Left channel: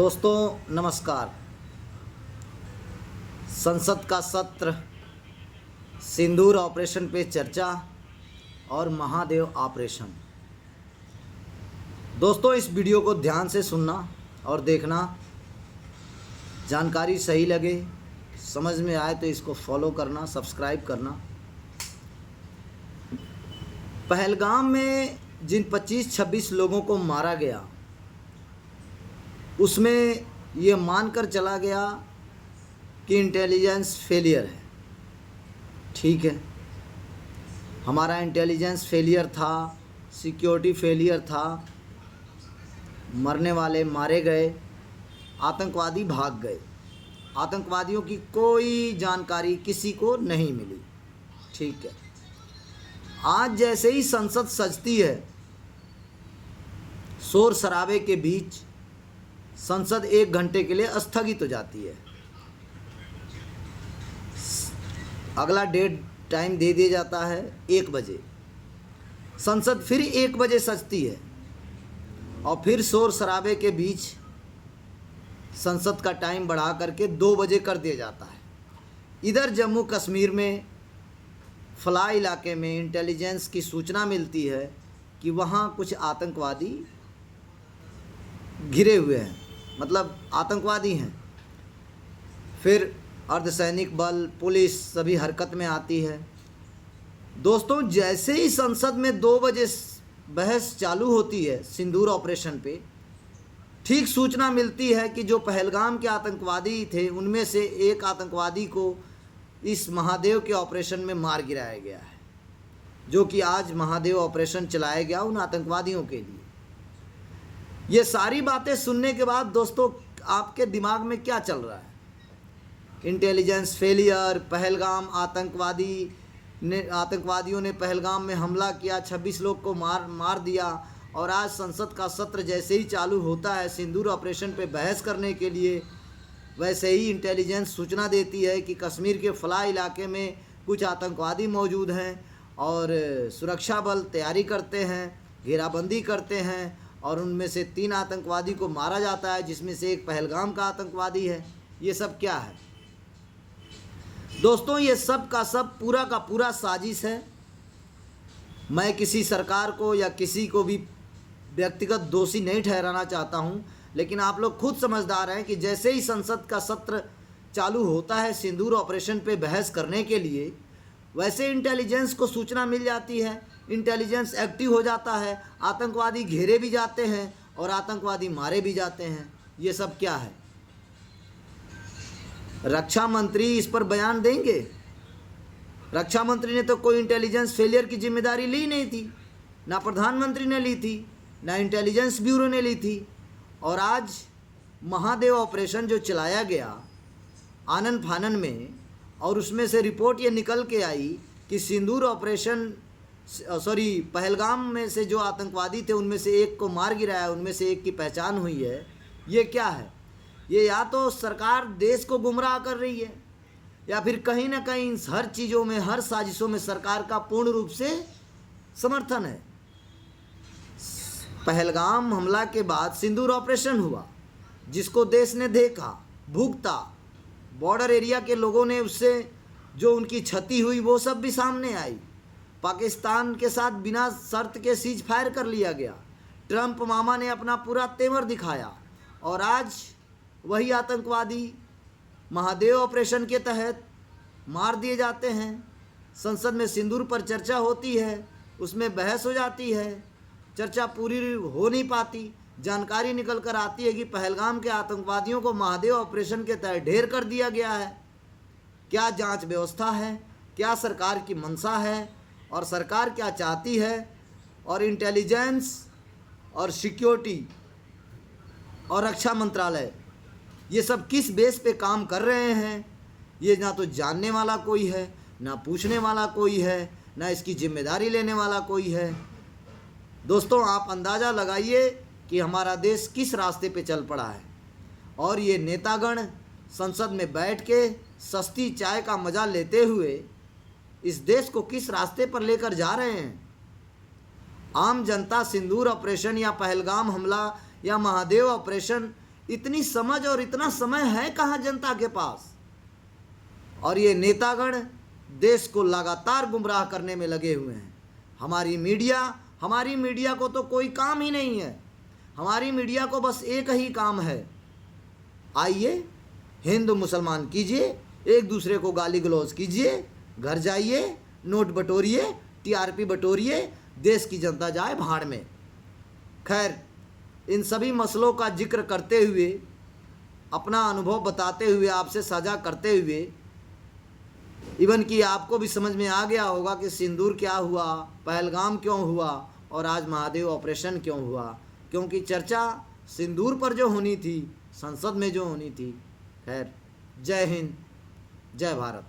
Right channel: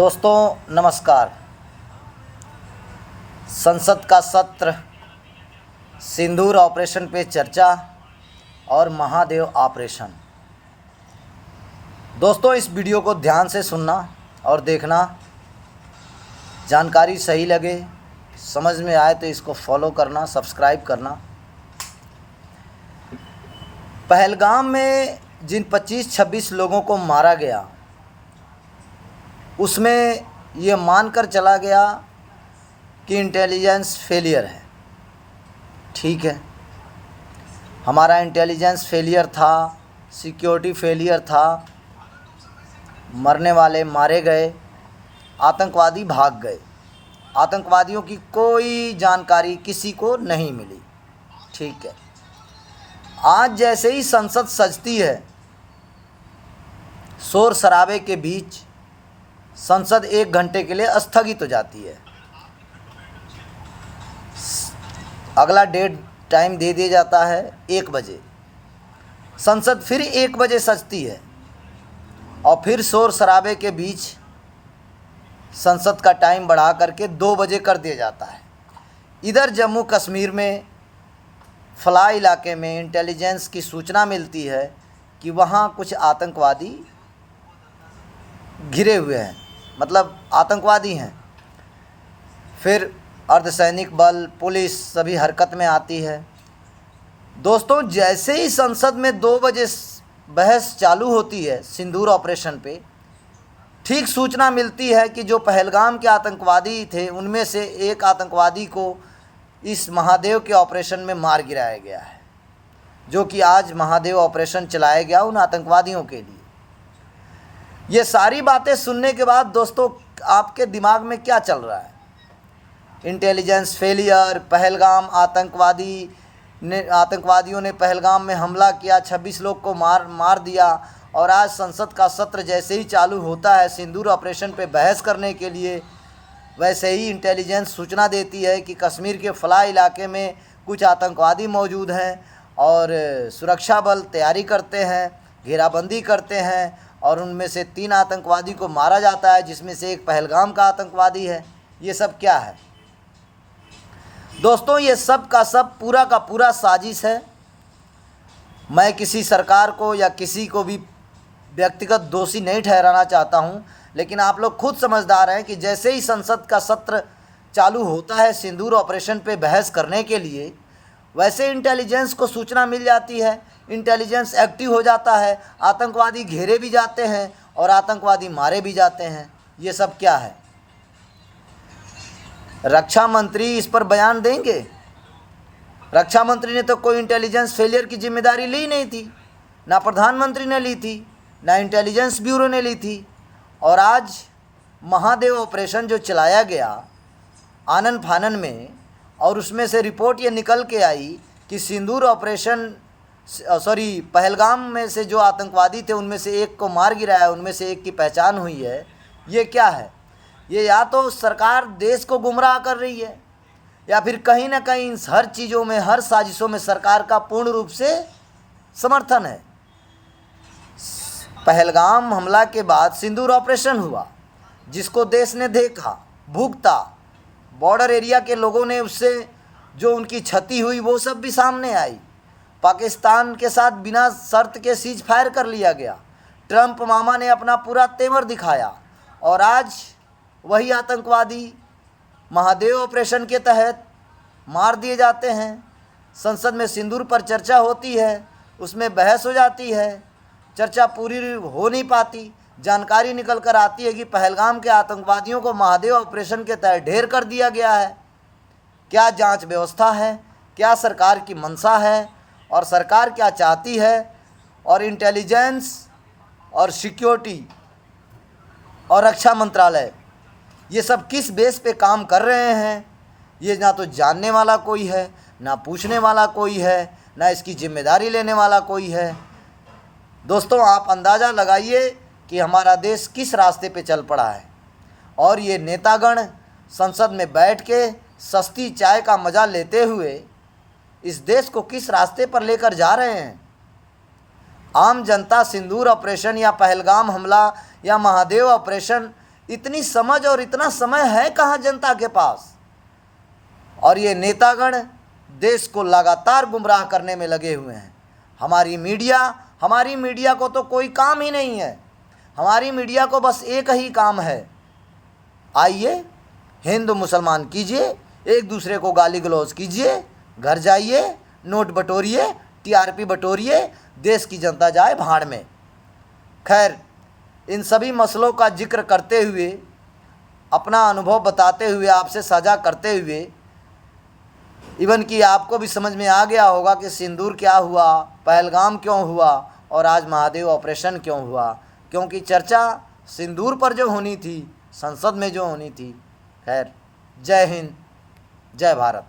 दोस्तों नमस्कार। संसद का सत्र, सिंदूर ऑपरेशन पे चर्चा और महादेव ऑपरेशन। दोस्तों इस वीडियो को ध्यान से सुनना और देखना, जानकारी सही लगे, समझ में आए तो इसको फॉलो करना, सब्सक्राइब करना। पहलगाम में जिन 25-26 लोगों को मारा गया, उसमें ये मानकर चला गया कि इंटेलिजेंस फेलियर है। ठीक है, हमारा इंटेलिजेंस फेलियर था, सिक्योरिटी फेलियर था, मरने वाले मारे गए, आतंकवादी भाग गए, आतंकवादियों की कोई जानकारी किसी को नहीं मिली। ठीक है, आज जैसे ही संसद सजती है, शोर शराबे के बीच संसद 1 घंटे के लिए स्थगित हो जाती है। अगला डेट टाइम दे दिया जाता है 1 बजे। संसद फिर 1 बजे सजती है और फिर शोर शराबे के बीच संसद का टाइम बढ़ा करके 2 बजे कर दिया जाता है। इधर जम्मू कश्मीर में फला इलाके में इंटेलिजेंस की सूचना मिलती है कि वहाँ कुछ आतंकवादी घिरे हुए हैं, मतलब आतंकवादी हैं। फिर अर्धसैनिक बल, पुलिस सभी हरकत में आती है। दोस्तों जैसे ही संसद में 2 बजे बहस चालू होती है सिंदूर ऑपरेशन पे, ठीक सूचना मिलती है कि जो पहलगाम के आतंकवादी थे उनमें से एक आतंकवादी को इस महादेव के ऑपरेशन में मार गिराया गया है, जो कि आज महादेव ऑपरेशन चलाया गया उन आतंकवादियों के लिए। ये सारी बातें सुनने के बाद दोस्तों आपके दिमाग में क्या चल रहा है? इंटेलिजेंस फेलियर, पहलगाम आतंकवादियों ने पहलगाम में हमला किया, 26 लोग को मार दिया, और आज संसद का सत्र जैसे ही चालू होता है सिंदूर ऑपरेशन पे बहस करने के लिए, वैसे ही इंटेलिजेंस सूचना देती है कि कश्मीर के फला इलाके में कुछ आतंकवादी मौजूद हैं और सुरक्षा बल तैयारी करते हैं, घेराबंदी करते हैं, और उनमें से 3 आतंकवादी को मारा जाता है, जिसमें से एक पहलगाम का आतंकवादी है। ये सब क्या है दोस्तों? ये सब का सब पूरा का पूरा साजिश है। मैं किसी सरकार को या किसी को भी व्यक्तिगत दोषी नहीं ठहराना चाहता हूं, लेकिन आप लोग खुद समझदार हैं कि जैसे ही संसद का सत्र चालू होता है सिंदूर ऑपरेशन पे बहस करने के लिए, वैसे इंटेलिजेंस को सूचना मिल जाती है, इंटेलिजेंस एक्टिव हो जाता है, आतंकवादी घेरे भी जाते हैं और आतंकवादी मारे भी जाते हैं। ये सब क्या है? रक्षा मंत्री इस पर बयान देंगे? रक्षा मंत्री ने तो कोई इंटेलिजेंस फेलियर की जिम्मेदारी ली नहीं थी, ना प्रधानमंत्री ने ली थी, ना इंटेलिजेंस ब्यूरो ने ली थी। और आज महादेव ऑपरेशन जो चलाया गया आनन फानन में, और उसमें से रिपोर्ट ये निकल के आई कि सिंदूर ऑपरेशन पहलगाम में से जो आतंकवादी थे उनमें से एक को मार गिराया, उनमें से एक की पहचान हुई है। ये क्या है? ये या तो सरकार देश को गुमराह कर रही है, या फिर कहीं ना कहीं हर चीज़ों में, हर साजिशों में सरकार का पूर्ण रूप से समर्थन है। पहलगाम हमला के बाद सिंदूर ऑपरेशन हुआ, जिसको देश ने देखा, भुगता, बॉर्डर एरिया के लोगों ने उससे जो उनकी क्षति हुई वो सब भी सामने आई। पाकिस्तान के साथ बिना शर्त के सीज फायर कर लिया गया। ट्रंप मामा ने अपना पूरा तेवर दिखाया, और आज वही आतंकवादी महादेव ऑपरेशन के तहत मार दिए जाते हैं। संसद में सिंदूर पर चर्चा होती है, उसमें बहस हो जाती है, चर्चा पूरी हो नहीं पाती। जानकारी निकल कर आती है कि पहलगाम के आतंकवादियों को महादेव ऑपरेशन के तहत ढेर कर दिया गया है। क्या जांच व्यवस्था है? क्या सरकार की मंशा है? और सरकार क्या चाहती है? और इंटेलिजेंस और सिक्योरिटी और रक्षा मंत्रालय ये सब किस बेस पे काम कर रहे हैं? ये ना तो जानने वाला कोई है, ना पूछने वाला कोई है, ना इसकी जिम्मेदारी लेने वाला कोई है। दोस्तों आप अंदाज़ा लगाइए कि हमारा देश किस रास्ते पे चल पड़ा है, और ये नेतागण संसद में बैठ के सस्ती चाय का मज़ा लेते हुए इस देश को किस रास्ते पर लेकर जा रहे हैं। आम जनता सिंदूर ऑपरेशन या पहलगाम हमला या महादेव ऑपरेशन इतनी समझ और इतना समय है कहाँ जनता के पास। और ये नेतागण देश को लगातार गुमराह करने में लगे हुए हैं। हमारी मीडिया को तो कोई काम ही नहीं है। हमारी मीडिया को बस एक ही काम है, आइए हिंदू मुसलमान कीजिए, एक दूसरे को गाली गलौज कीजिए, घर जाइए, नोट बटोरिए, टीआरपी बटोरिए, देश की जनता जाए भाड़ में। खैर, इन सभी मसलों का जिक्र करते हुए, अपना अनुभव बताते हुए, आपसे साझा करते हुए, इवन कि आपको भी समझ में आ गया होगा कि सिंदूर क्या हुआ, पहलगाम क्यों हुआ और आज महादेव ऑपरेशन क्यों हुआ। क्योंकि चर्चा सिंदूर पर जो होनी थी, संसद में जो होनी थी। खैर, जय हिंद, जय भारत।